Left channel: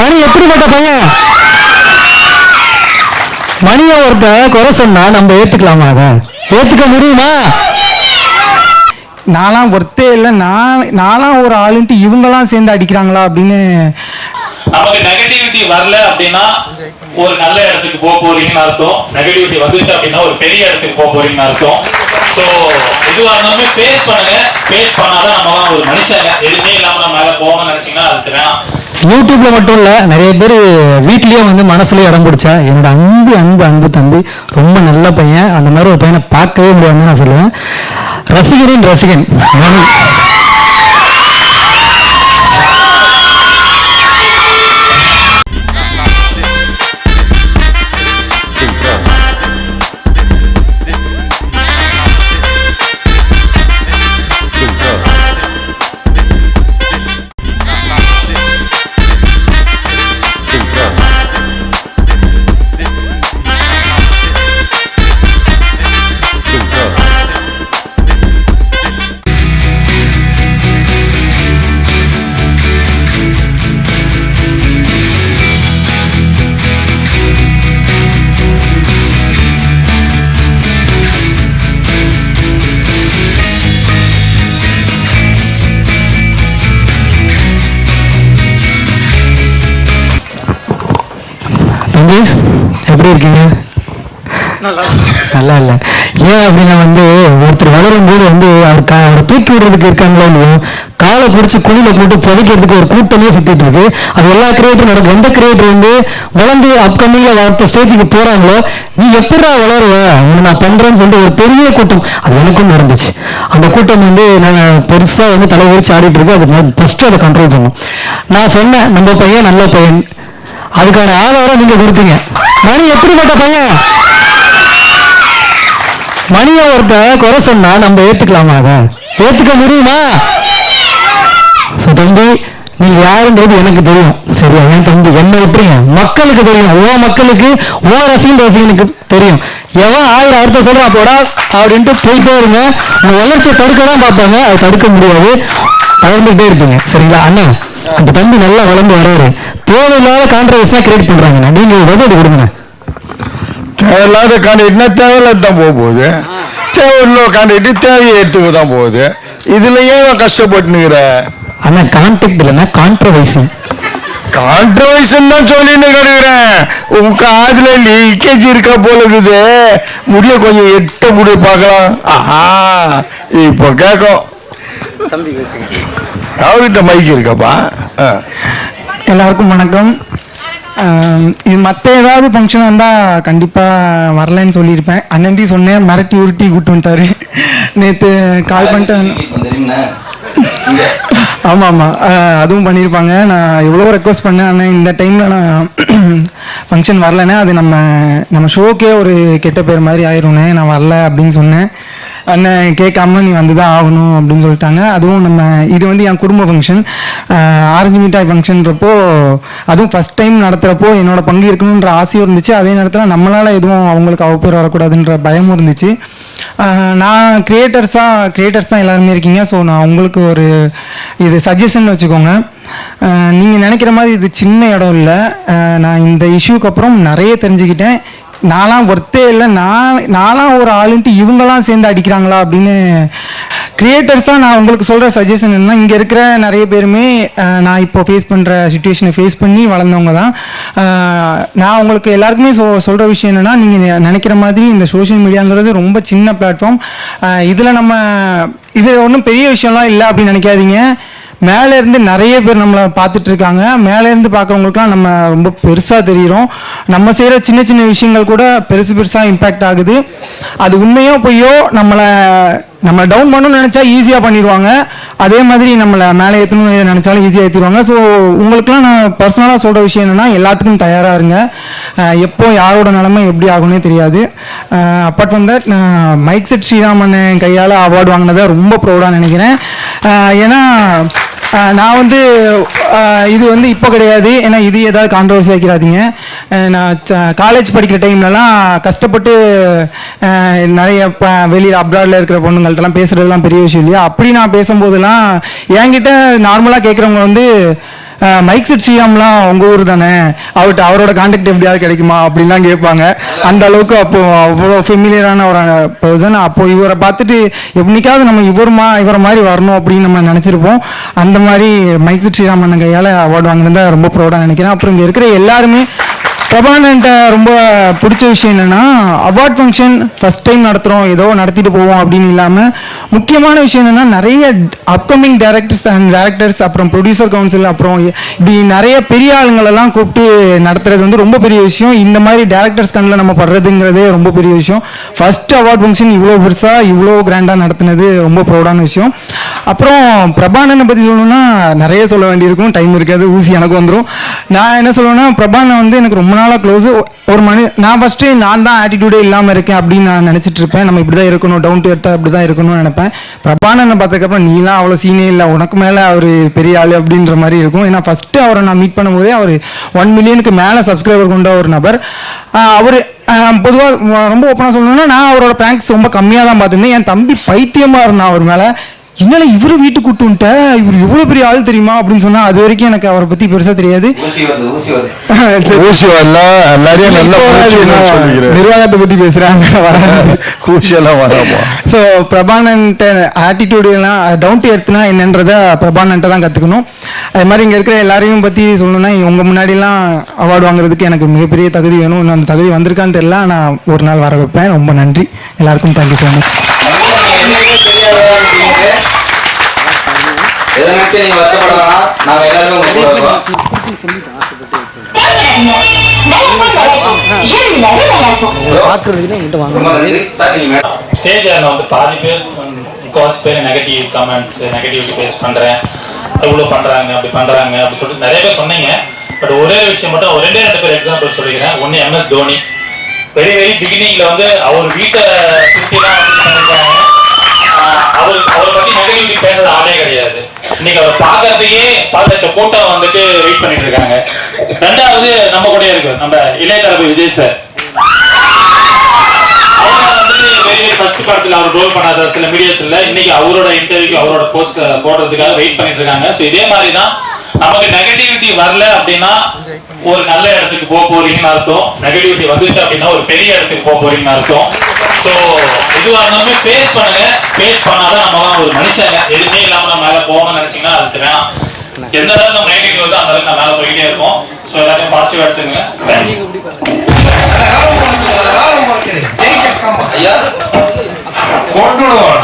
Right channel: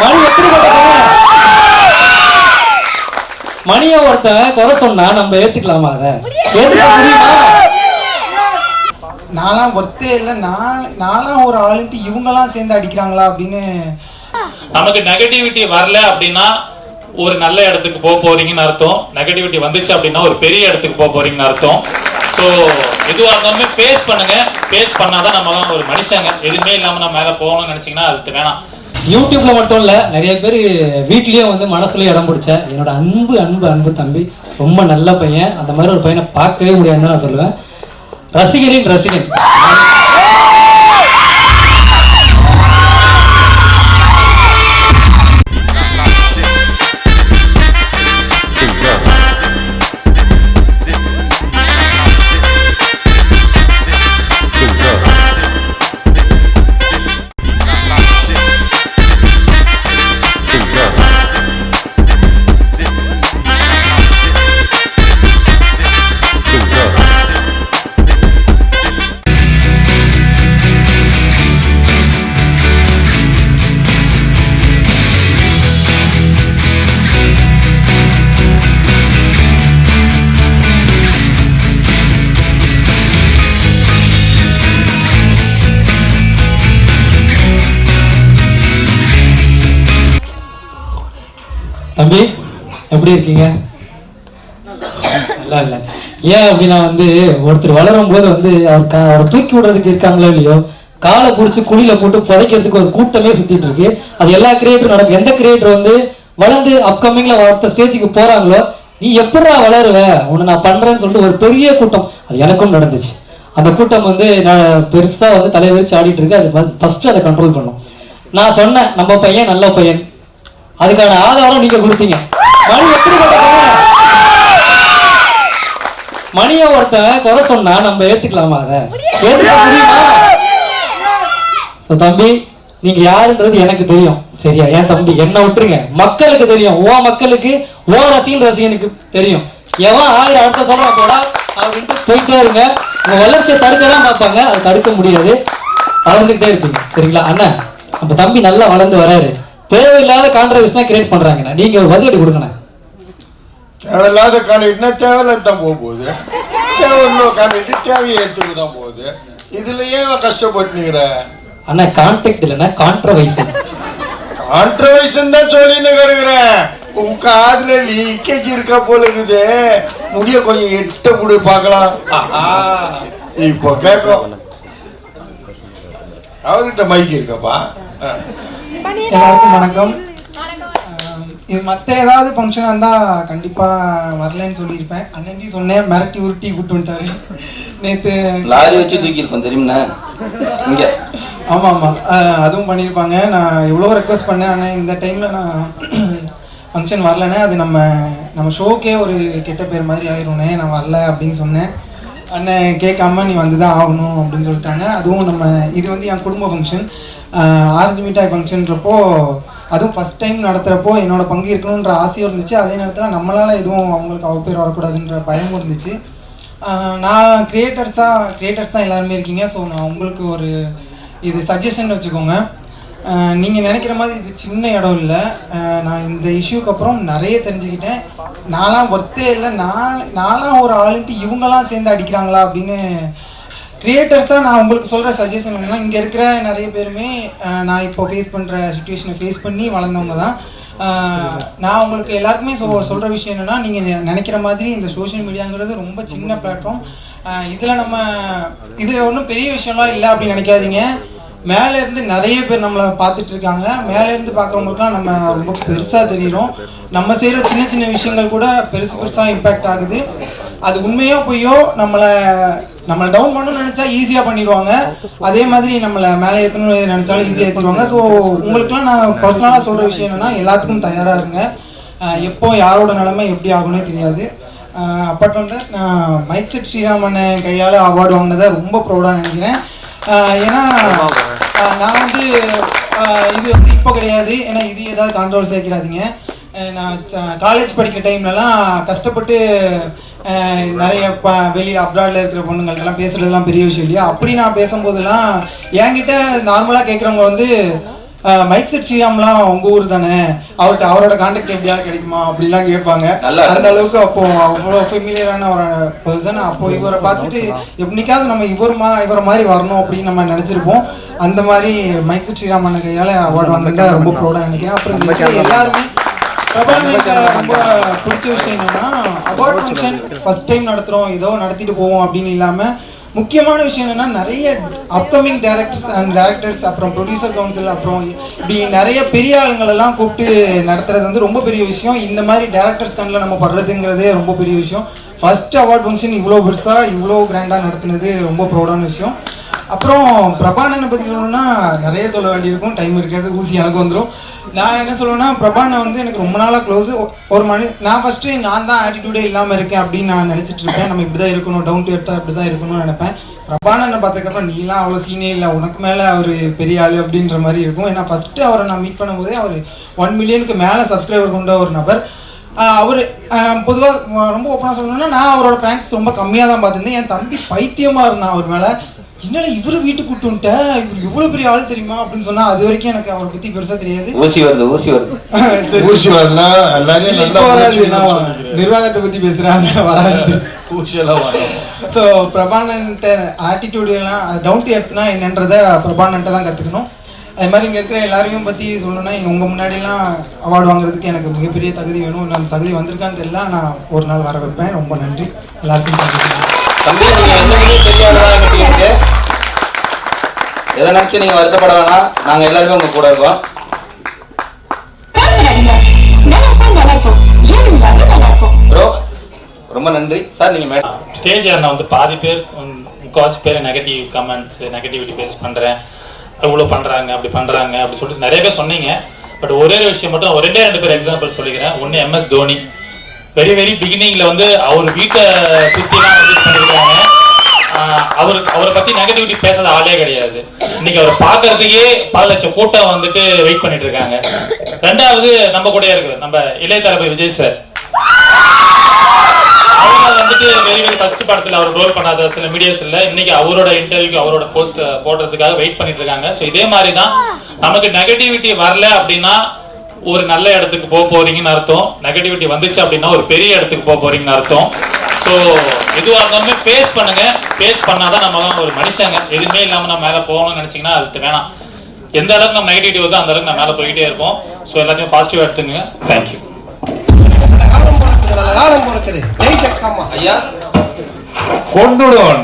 மணி எப்படிப்பட்ட பையன் மணியை ஒருத்தன் குறை சொன்னா நம்ம ஏத்துக்கலாமா அதை? ஏத்துக்க முடியுமா? நான்லாம் ஒர்த்தே இல்லை நான் நான்லாம் ஒரு ஆளுன்ட்டு இவங்கெல்லாம் சேர்ந்து அடிக்கிறாங்களா அப்படின்னு. நமக்கு நெகட்டிவிட்டி வரல அப்படின்னா ஒரு நல்ல இடத்துக்கு போக போறீங்கன்னு அர்த்தம். நெகட்டிவிட்டி வந்துச்சு அப்படின்னா ஒரு பெரிய இடத்துக்கு போக போறீங்கன்னு அர்த்தம். சோ இதுவா இருந்தாலும் ஃபேஸ் பண்ணுங்க. ஃபேஸ் பண்ணாதான் நம்மலாம் ஒரு மனுஷங்க. எதுவுமே இல்லாம நம்ம மேல போகணும்னு நினைச்சீங்கன்னா அதுக்கு வேணாம். யூடியூப்ல மட்டும் இல்ல நிறைய பேர் வீட்லயே வந்து மனசுலயே இடம் பிடிச்ச என்னோட அன்பு அன்பு அன்பு தம்பி ரொம்ப நல்ல பையன். அந்த மாதிரி ஒரு பையனை பார்க்கவே முடியாதுன்னு நான் சொல்லுவேன். ரசிகரின் ரசிகன். தம்பி எப்படி இருக்கீங்க? நல்லா இல்ல ஏன் அப்படின்னா வந்து ஒருத்தர் வளரும் போது வந்து அவர் அவரை தூக்கி விடுறதுக்கு இருக்காங்களோ இல்லையோ காலை பிடிச்சி குழியில போட்டு புதைக்கிறதுக்கு ஒரு கூட்டமே சுத்திட்டு இருக்கு. அது எல்லா கிரியேட்டரும் நடக்கும். எந்த கிரியேட்டர் வந்து வளர்ந்து அப்கமிங்ல அடுத்த ஸ்டேஜுக்கு போறாங்களோ நீ எப்படா வளருவ? நான் பண்றேன்னு சொல்லிட்டு ஒரு பெரிய கூட்டம். அது எனக்கும் நடந்துச்சு. அந்த கூட்டம் வந்து நான் பெருசா வந்து தலைவரிச்சு ஆடிட்டு இருக்கு. அது நான் ஃபர்ஸ்ட் அதை கண்ட்ரோல் பண்ணும் நான் சொன்னேன் நம்ம பையன் நல்ல பையன். அதுக்கான ஆதாரம் நீங்க கொடுத்தீங்க. மணி எப்படிப்பட்ட பையன் மணியை ஒருத்தன் குறை சொன்னா நம்ம ஏத்துக்கலாமா அதை? ஏத்துக்க முடியுமா? சோ தம்பி நீங்க யாருன்றது எனக்கு தெரியும். சரியா? என் தம்பி என்ன விட்டுருங்க. மக்களுக்கு தெரியும். ஓ மக்களுக்கு ஓ ரசிகன் ரசிகனுக்கு தெரியும். எவன் ஆயிரம் அர்த்தம் சொல்றான் போடா அப்படின்ட்டு போயிட்டே இருங்க. உங்க வளர்ச்சியை தடுக்க தான் பார்ப்பாங்க. அதை தடுக்க முடியாது. வளர்ந்துட்டே இருப்பீங்க. சரிங்களா? அண்ணா அந்த தம்பி நல்லா வளர்ந்து வராரு. தேவையில்லாத கான்ட்ரவர்ஸா கிரியேட் பண்றாங்கண்ணா நீங்க பதில் கொடுங்க. தேவையில்லாத காண்டிட்டு தேவையில்லாத தான் போக போகுது. தேவையில்லாத காண்டிட்டு தேவையை எடுத்துக்க தான் போகுது. இதுல ஏன் கஷ்டப்பட்டுனுங்கிற அண்ணா கான்டாக்ட் இல்லைன்னா கான்ட்ரவர்சி கான்ட்ரவர்ஷன் தான் சொல்லின்னு கிடக்குறேன் உன் காதுல லீக்கேஜ் இருக்கா போல இருக்குது. முடிய கொஞ்சம் எட்ட முடி பார்க்கலாம். ஆஹா இப்போ கேட்கும். அவர்கிட்ட மைக் இருக்காப்பா. எல்லாருக்கும் வணக்கம். இது மற்ற ஏதாவது ஃபங்க்ஷனாக இருந்தால் கண்டிப்பாக வரலைன்னு சொல்லியிருப்பேன். அண்ணன்டி சொன்னேன் மிரட்டி உருட்டி கூட்டு வந்துட்டாரு. நேற்று கால் பண்ணிட்டு ஆமாம். ஆமாம் அதுவும் பண்ணியிருப்பாங்க. நான் எவ்வளோ ரெக்வஸ்ட் பண்ணேன் ஆனால் இந்த டைமில் நான் ஃபங்க்ஷன் வரலன்னா அது நம்ம நம்ம ஷோக்கே ஒரு கெட்ட பேர் மாதிரி ஆயிரும்னே நான் வரல அப்படின்னு சொன்னேன். அண்ணன் கேட்காம நீ வந்து தான் ஆகணும் அப்படின்னு சொல்லிட்டாங்க. அதுவும் நம்ம இது வந்து என் குடும்ப ஃபங்க்ஷன் ஆரஞ்சு மிட்டாய் ஃபங்க்ஷன்றப்போ அதுவும் ஃபஸ்ட் டைம் நடத்துகிறப்போ என்னோட பங்கு இருக்கணுன்ற ஆசையும் இருந்துச்சு. அதே நேரத்தில் நம்மளால் எதுவும் அவங்களுக்கு அவ பேர் வரக்கூடாதுன்ற பயமும் இருந்துச்சு. நான் கிரியேட்டர்ஸாக கிரியேட்டர்ஸ் தான் எல்லாருமே இருக்கீங்க. ஸோ நான் உங்களுக்கு ஒரு இது சஜஷன் வச்சுக்கோங்க. நீங்கள் நினைக்கிற மாதிரி இது சின்ன இடம் இல்லை. நான் இந்த இஷ்யூக்கு அப்புறம் நிறைய தெரிஞ்சுக்கிட்டேன். நான்லாம் ஒர்த்தே இல்லை. நான் நான்லாம் ஒரு ஆளுன்ட்டு இவங்கெல்லாம் சேர்ந்து அடிக்கிறாங்களா அப்படின்னு கிரியேட்டர்ஸாக நான் உங்களுக்கு சொல்கிற சஜஷன் என்னென்னா இங்கே இருக்கிற நிறைய பேருமே நான் இப்போ ஃபேஸ் பண்ணுற சுச்சுவேஷனை ஃபேஸ் பண்ணி வளர்ந்தவங்க தான். நான் உங்களுக்கு எல்லாருக்குமே சொ சொல்கிற விஷயம் என்னென்னா நீங்கள் நினைக்கிற மாதிரி இந்த சோஷியல் மீடியாங்கிறது ரொம்ப சின்ன பிளாட்ஃபார்ம் இதில் நம்ம இது ஒன்றும் பெரிய விஷயம்லாம் இல்லை அப்படின்னு நினைக்காதீங்க. மேலே இருந்து நிறைய பேர் நம்மளை பார்த்துட்டு இருக்காங்க மேலே இருந்து பார்க்குறவங்களுக்குலாம் நம்ம ரொம்ப பெருசாக தெரிகிறோம். நம்ம செய்கிற சின்ன சின்ன விஷயங்கள் கூட பெருசு பெருசாக இம்பேக்ட் ஆகுது. அது உண்மையோ பொய்யோ நம்மளை நம்மளை டவுன் பண்ணணும்னு நினச்சா ஈஸியாக பண்ணிடுவாங்க. அதே மாதிரி நம்மளை மேலே ஏற்றணும்னு நினச்சாலும் ஈஸியாக ஏற்றிடுவாங்க ஸோ உங்களுக்குலாம் நான் பர்சனலாக சொல்கிற விஷயம் என்னென்னா எல்லாத்துக்கும் தயாராக இருங்க. எப்போ யாரோட நிலைமை எப்படி ஆகும்னே தெரியாது. அப்பார்ட் ஃப்ரம் தட் நான் மைக் செட் ஸ்ரீராமன் கையால் அவார்டு வாங்கினதை ரொம்ப ப்ரௌடாக நினைக்கிறேன். ஏன்னா நான் வந்து இது வந்து இப்போ கிடையாது. ஏன்னா இது ஏதாவது கான்ட்ரவர்சி வைக்கிறாதீங்க நான் காலேஜ் படிக்கிற டைம்லலாம் கஷ்டப்பட்டு நிறைய இப்போ வெளியில் அப்ராடில் இருக்கிற பொண்ணுங்கள்ட்டலாம் பேசுகிறதுலாம் பெரிய விஷயம் இல்லையா? அப்படி நான் பேசும்போதெல்லாம் என்கிட்ட நார்மலாக கேட்குறவங்க வந்து மைக் செட் ஸ்ரீராம்லாம் உங்க ஊர் தானே? அவர்கிட்ட அவரோட கான்டாக்ட் எப்படியாவது கிடைக்குமா? அப்படிலாம் கேட்பாங்க. அந்த அளவுக்கு அப்போ அவ்வளோ ஃபெமிலியரான ஒரு பர்சன் அப்போ இவரை பார்த்துட்டு எப்படிக்காவது நம்ம இவர் மா இவரை மாதிரி வரணும் அப்படின்னு நம்ம நினச்சிருப்போம். அந்த மாதிரி மைக் செட் ஸ்ரீராமன் கையால் அவார்டு வாங்கினதை ரொம்ப ப்ரௌடாக நினைக்கிறேன். அப்புறம் இங்கே இருக்கிற எல்லாருமே பிரபாகரன்ட்ட ரொம்ப பிடிச்ச விஷயம் என்னன்னா அவார்ட் ஃபங்க்ஷன் ஃபர்ஸ்ட் டைம் நடத்துகிறோம் ஏதோ நடத்திட்டு போவோம் அப்படின்னு இல்லாமல் முக்கியமான விஷயம் என்னன்னா நிறைய அப்கமிங் டேரக்டர்ஸ் அண்ட் டேரக்டர்ஸ் அப்புறம் ப்ரொடியூசர் கவுன்சில் அப்புறம் இப்படி நிறைய பெரிய ஆளுங்களெல்லாம் கூப்பிட்டு நடத்துறது வந்து ரொம்ப பெரிய விஷயம். இந்த மாதிரி டேரக்டர்ஸ் கண்ணில் நம்ம படுறதுங்கிறதே ரொம்ப பெரிய விஷயம். ஃபர்ஸ்ட் அவார்ட் ஃபங்க்ஷன் இவ்வளோ பெருசாக இவ்வளோ கிராண்டாக நடத்துனது ரொம்ப ப்ரௌடான விஷயம். அப்புறம் பிரபானனை பற்றி சொல்லணும்னா நிறைய சொல்ல வேண்டியிருக்கும். டைம் இருக்காது ஊசி எனக்கு வந்துடும் நான் என்ன சொல்லுவேன்னா பிரபானை வந்து எனக்கு ரொம்ப நாளாக க்ளோஸ் ஒரு மனு நான் ஃபஸ்ட்டு நான் தான் ஆட்டிடியூடே இல்லாமல் இருக்கேன் அப்படின்னு நான் நினச்சிட்டு இருப்பேன். நம்ம இப்படி தான் இருக்கணும் டவுன் டு எர்த்தாக இப்படி தான் இருக்கணும்னு நினைப்பேன். பிரபானனை பார்த்ததுக்கப்புறம் நீலாம் அவ்வளோ சீனே இல்லை. உனக்கு மேலே அவர் பெரிய ஆள் அப்படின்ற மாதிரி இருக்கும். ஏன்னா ஃபஸ்ட்டு அவரை நான் மீட் பண்ணும்போதே அவர் ஒன் மில்லியனுக்கு மேலே சப்ஸ்கிரைபர் கொண்ட ஒரு நபர். அவர் பொதுவாக ரொம்ப ஓப்பனாக சொல்லணும்னா நான் அவரோட ப்ராங்க்ஸ் ரொம்ப கம்மியாக தான் பார்த்துருந்தேன். என் தம்பி பைத்தியமாக இருந்தான் அவர் மேலே. என்னடா இவரு வீட்டுக்கு கூட்டு வந்துட்ட? இவர் எவ்வளோ பெரிய ஆள் தெரியுமா? அப்படின்னு சொன்னா அது வரைக்கும் எனக்கு அவரை பத்தி பெருசா தெரியாது. நிர்வாகத்தை பத்தி பேசுறாங்க எல்லாம் ஸோ பிரபானன்ட்ட ஆட்டிடியூடு எல்லாம் டவுன் டு எர்த்னா என்னன்றத பிரபானன்ட்ட தான் கற்றுக்கணும் அது மாதிரி இங்கே இருக்கிற எல்லாரையும் பற்றி சொல்லணும்னா உங்கள் முன்னாடிலாம் அவார்டு வாங்குறதுக்கு எனக்கு மிகப்பெரிய தகுதி வேணும். அந்த தகுதி வந்திருக்கான்னு தெரியல நான் ஒரு நாள் வர வைப்பேன். ரொம்ப நன்றி. எல்லாருக்கும் தேங்க்யூ ஸோ மச் எதை நினைச்சு நீங்க வருத்தப்பட வேணாம் நாங்க எல்லாருமே உங்க கூட இருக்கோம். ரொம்ப நன்றி. சார் நீங்க மேடம். ஸ்டேஜ் நான் வந்து பாதி பேர் ம், பேர் நெகட்டிவ் கமெண்ட்ஸ் நெகட்டிவிட்டி ஃபேஸ் பண்ணுறேன் இவ்வளோ பண்ணுறாங்க அப்படி பண்ணுறாங்க அப்படி சொல்லிட்டு நிறைய பேர் சொன்னீங்க. பட் ஒரே விஷயம் மட்டும் ஒரு ரெண்டே ரெண்டு பேர் எக்ஸாம்பிள் சொல்லிக்கிறேன். ஒன்று எம்எஸ் தோனி. வெரி வெரி பிகினிங்ல வந்து அவர் வீட்டை சுற்றிலாம் வந்து பண்ணியிருக்காங்க அவர் அவரை பத்தி நெகட்டிவிட்டி பேசுறது ஆளே கிடையாது. இன்னைக்கு அவரை பாக்குறதுக்கே பல லட்சம் கூட்டம் வந்துட்டு வெயிட் பண்ணிட்டு இருக்காங்க. ரெண்டாவது நம்ம கூட இருக்கு நம்ம இளைய தளபதி விஜய் சார் அவர் வந்துட்டு வெரி ஃபர்ஸ்ட் படத்துல அவர் ரோல் பண்ணாத சில மீடியாஸ் இன்னைக்கு அவரோட இன்டர்வியூ அவரோட போஸ்ட் போடுறதுக்காக வெயிட் பண்ணிட்டு இருக்காங்க. ஸோ இதே மாதிரி தான் நமக்கு நெகட்டிவிட்டி வரல அப்படின்னா ஒரு நல்ல இடத்துக்கு போக போறீங்கன்னு அர்த்தம். நெகட்டிவிட்டி வந்துச்சு அப்படின்னா ஒரு பெரிய இடத்துக்கு போக போறீங்கன்னு அர்த்தம். ஸோ இதுவாக இருந்தாலும் ஃபேஸ் பண்ணுங்க. ஃபேஸ் பண்ணாதான் நம்ம தான் ஒரு மனுஷங்க. எதுவுமே இல்லாம நம்ம மேல போகணும்னு நினைச்சீங்கன்னா அது வேணாம். எந்த அளவுக்கு நம்ம நெகட்டிவ் வருதோ அந்த அளவுக்கு நம்ம மேல போயிட்டே இருப்போம். ஸோ எல்லாத்தையும் பாசிட்டிவ் எடுத்துங்க தேங்க்யூ ஐயா கொண்டுடுவோம்